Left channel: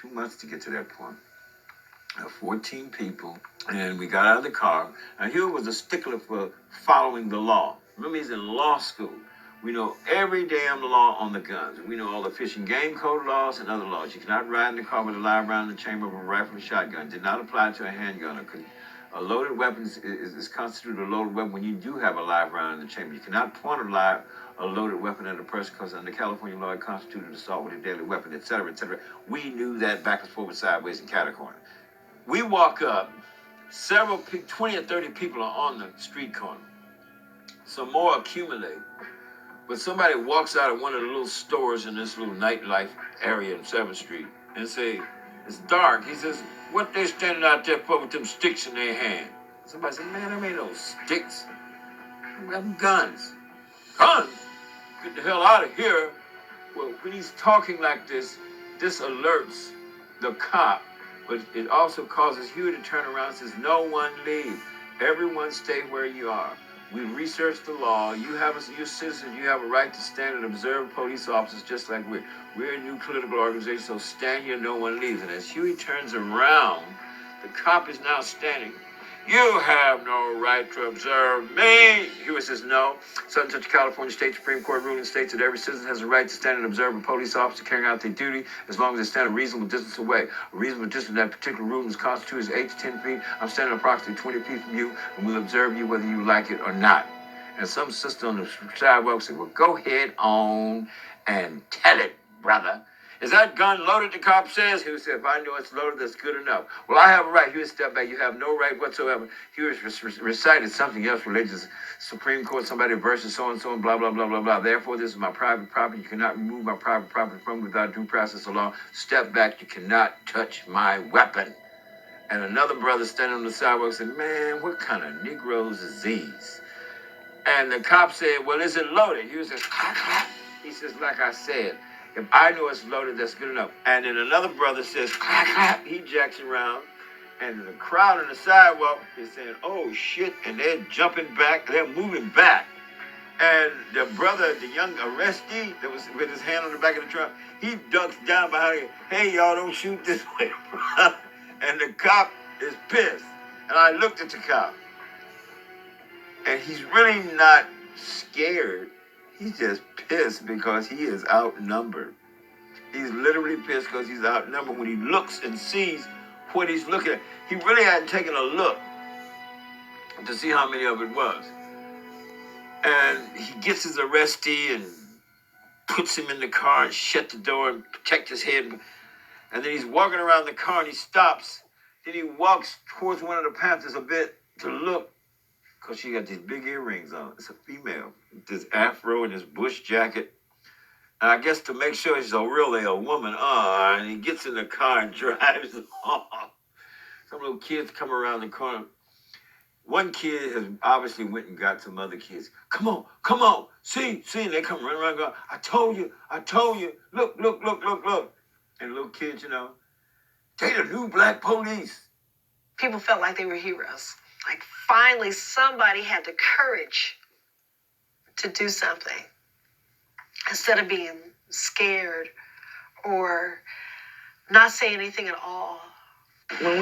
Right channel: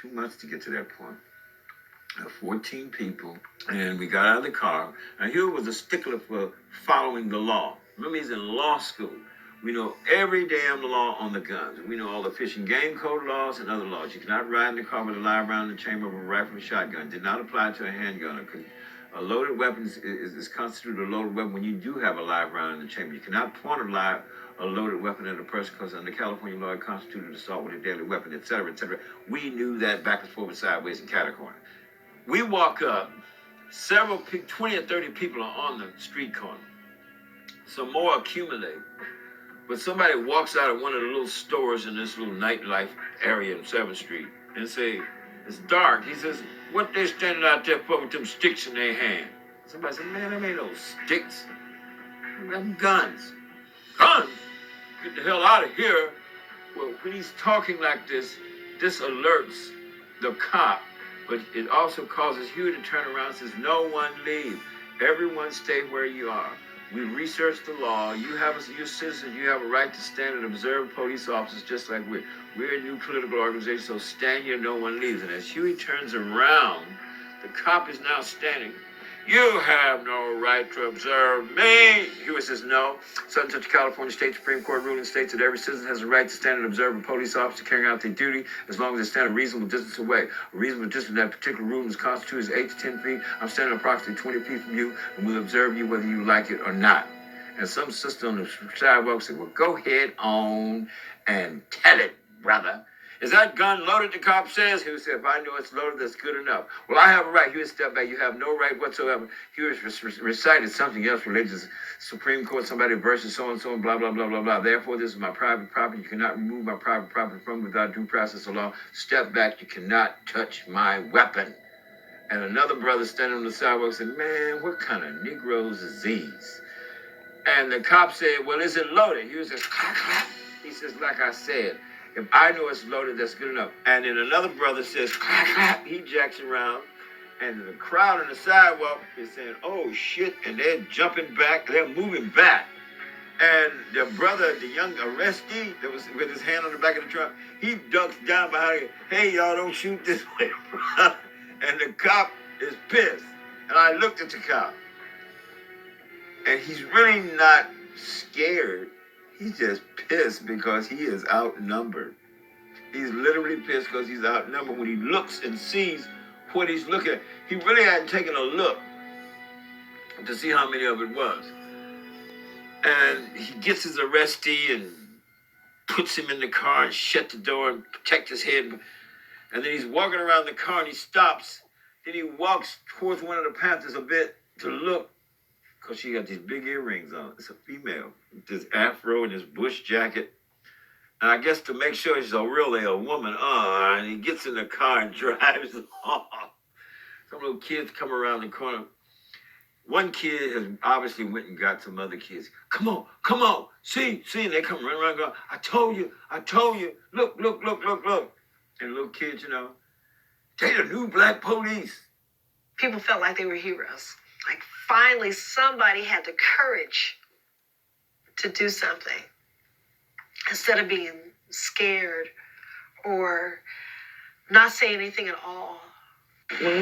2 months to get to that point. 14 people, and we got out of the car. And Hugh was a stickler for following the law. Remember, he's in law school. We know every damn law on the guns. We know all the Fish and Game Code laws and other laws. You cannot ride in the car with a live round in the chamber of a rifle or shotgun. Did not apply to a handgun. A loaded weapon is constituted a loaded weapon when you do have a live round in the chamber. You cannot point a loaded weapon at a person because under California law it constituted assault with a deadly weapon, etc., etc. We knew that backwards, forward, sideways, and catacorner. We walk up, 20 or 30 people are on the street corner. Some more accumulate. But somebody walks out of one of the little stores in this little nightlife area in 7th Street and say, it's dark. He says, what they standing out there for with them sticks in their hand? Somebody said, man, them ain't no sticks. Them guns. Guns? Get the hell out of here. Well, when he's talking like this alerts the cop. But it also causes Hugh to turn around and says, no one leave. Everyone stay where you are. We researched the law. You're citizens. You have a right to stand and observe police officers just like we're a new political organization, so stand here, no one leaves. And as Huey turns around, the cop is now standing. You have no right to observe me. Huey says, no. Such a California State Supreme Court ruling states that every citizen has a right to stand and observe a police officer carrying out their duty as long as they stand a reasonable distance away. A reasonable distance in that particular ruling is constituted as 8 to 10 feet. I'm standing approximately 20 feet from you, and we'll observe you whether you like it or not. And some sister on the sidewalk said, well, go ahead on and tell it, brother. Is that gun loaded, the cop says? He would say, if I know it's loaded, that's good enough. Well, I have a right. He would step back. You have no right whatsoever. He was recited something else related to the Supreme Court, somebody versus so-and-so, and blah, blah, blah, blah, blah. Therefore, this is my private property. You cannot remove my private property from me without due process of law. Step back. You cannot touch my weapon. And another brother standing on the sidewalk said, man, what kind of Negroes is these? And the cop said, well, is it loaded? He says, clack, clack. He says, like I said, if I know it's loaded, that's good enough. And then another brother says, clap, clap. He jacks around. And the crowd on the sidewalk is saying, oh, shit. And they're jumping back. They're moving back. And the brother, the young arrestee that was with his hand on the back of the truck, he ducks down behind him. Hey, y'all, don't shoot this way, brother. And the cop is pissed. And I looked at the cop. And he's really not scared. He's just pissed because he is outnumbered. He's literally pissed because he's outnumbered. When he looks and sees what he's looking at, he really hadn't taken a look to see how many of it was. And he gets his arrestee and puts him in the car and shut the door and protect his head. And then he's walking around the car and he stops. Then he walks towards one of the Panthers a bit to look, because she got these big earrings on. It's a female. This afro and this bush jacket. And I guess to make sure she's really a woman, and he gets in the car and drives off. Some little kids come around the corner. One kid has obviously went and got some other kids. Come on. See. And they come running around going, I told you. Look. And little kids, they the new black police. People felt like they were heroes. Like finally somebody had the courage to do something instead of being scared or not say anything at all. When we